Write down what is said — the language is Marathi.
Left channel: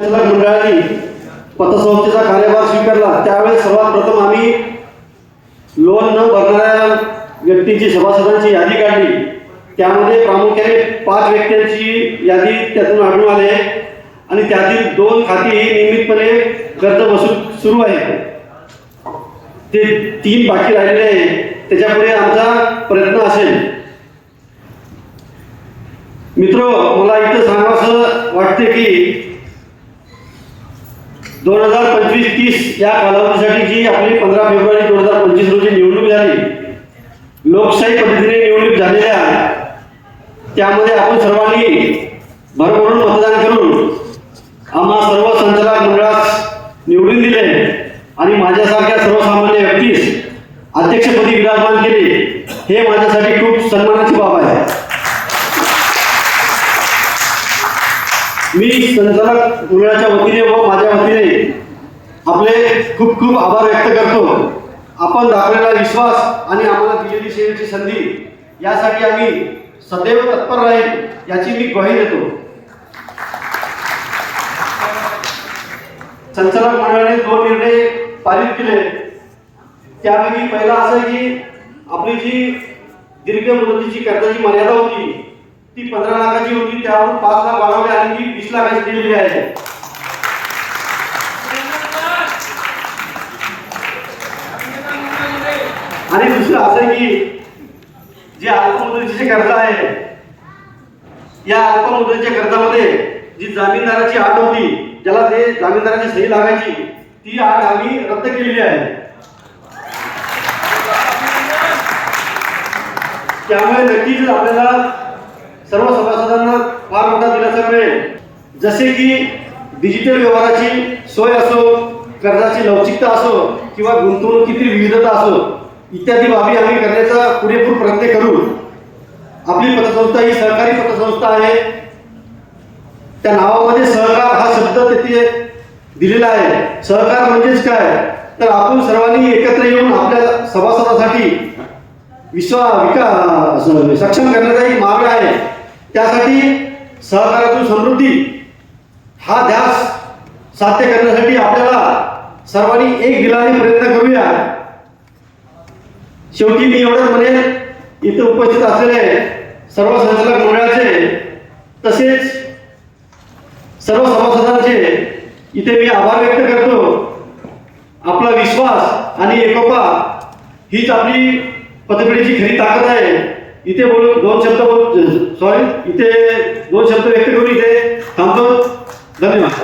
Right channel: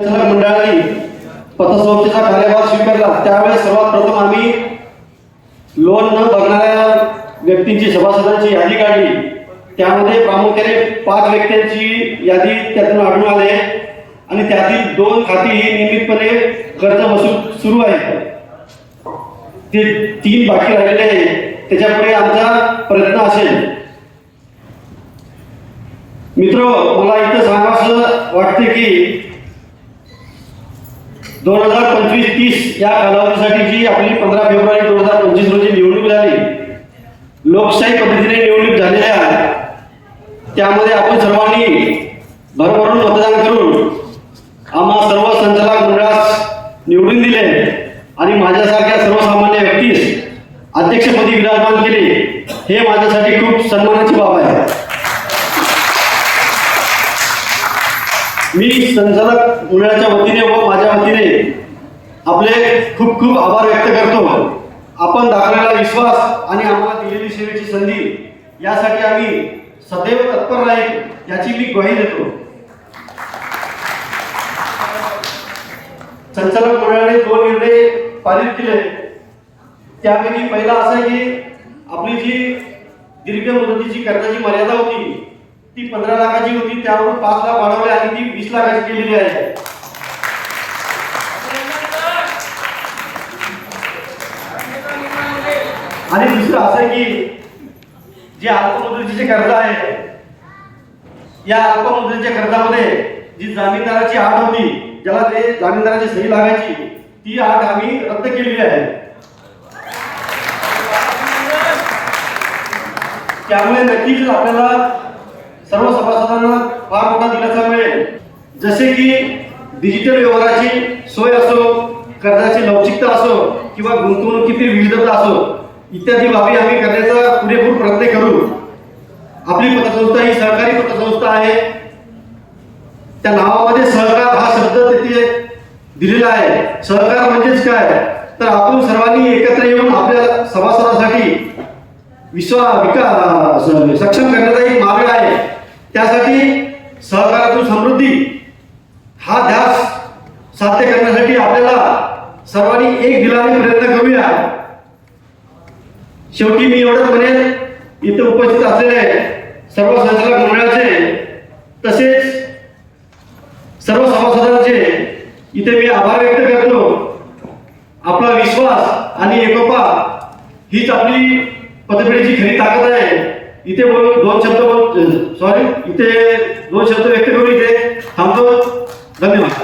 संचालक मंडळाने पतसंस्थेचा कार्यभार स्वीकारला त्यावेळी सर्वात प्रथम आम्ही लोन न भरणाऱ्या व्यक्तींची सभासदांची यादी काढली। त्यामध्ये प्रामुख्याने 5 व्यक्तींची यादी त्यातून आढळून आले आणि त्यातील 2 खाती ही नियमितपणे कर्ज वसूल सुरू आहे। ते 3 बाकी राहिलेले आहे, त्याच्यापुढे आमचा प्रयत्न असेल। मित्रो, मला इथं सांगावंसं वाटते की 2025-30 या कालावधीसाठी जी आपली 15 फेब्रुवारी 2025 रोजी निवडणूक झाली, लोकशाही पद्धतीने निवडणूक झालेल्या त्यामध्ये आपण सर्वांनी भरभरून मतदान करून आम्हा सर्व संचालक मंडळास निवडून दिले आणि माझ्यासारख्या सर्वसामान्य व्यक्तीस अध्यक्षपदी विराजमान केले। हे माझ्यासाठी खूप सन्मानाची बाब आहे। मी संचालक मंडळाच्या वतीने व माझ्या वतीने आपले खूप खूप आभार व्यक्त करतो। आपण दाखवलेला विश्वास आणि आम्हाला दिलेली सेवेची संधी यासाठी आम्ही सदैव तत्पर राहील याची मी ग्वाही देतो। संचालक मंडळाने 2 निर्णय पारित केले, त्यापैकी पहिला असा आहे की आपली जी दीर्घ मुदतीची कर्जाची मर्यादा होती ती 15 लाखाची होती, त्यावरून 5 लाख वाढवली आणि ती 20 लाखाची केलेली आहे। आणि दुसरं असं की जे अल्प मुदतीचे कर्ज आहे या अल्प मुदतीच्या कर्जामध्ये जी जामीनदाराची अट होती, ज्याला ते जामीनदाराची सही लागायची, ती अट आम्ही रद्द केलेली आहे। त्यामुळे नक्कीच आपल्याला सर्व सभासदांना फार मोठा दिलासा मिळेल। जसे की डिजिटल व्यवहाराची सोय असो, कर्जाची लवचिकता असो किंवा गुंतवणुकीतील विविधता असो, इत्यादी बाबी आम्ही करण्याचा पुरेपूर प्रयत्न करू। आपली पतसंस्था ही सहकारी पतसंस्था आहे। त्या नावामध्ये सहकार हा शब्द तिथे दिलेला आहे। सहकार म्हणजेच काय, तर आपण सर्वांनी एकत्र येऊन आपल्या सभासदासाठी विकास सक्षम करण्याचा एक मार्ग आहे। त्यासाठी सहकारातून समृद्धी हा ध्यास साध्य करण्यासाठी आपल्याला सर्वांनी एक दिलाने प्रयत्न करूया। शेवटी मी एवढंच म्हणेन, इथे उपस्थित असलेले सर्व संचालक मंडळाचे तसेच सर्व सभासदांचे इथे मी आभार व्यक्त करतो। आपला विश्वास आणि एकोपा हीच आपली पतपेढीची खरी ताकद आहे। इथे दोन शब्द व्यक्त करून इथे थांबतो। धन्यवाद।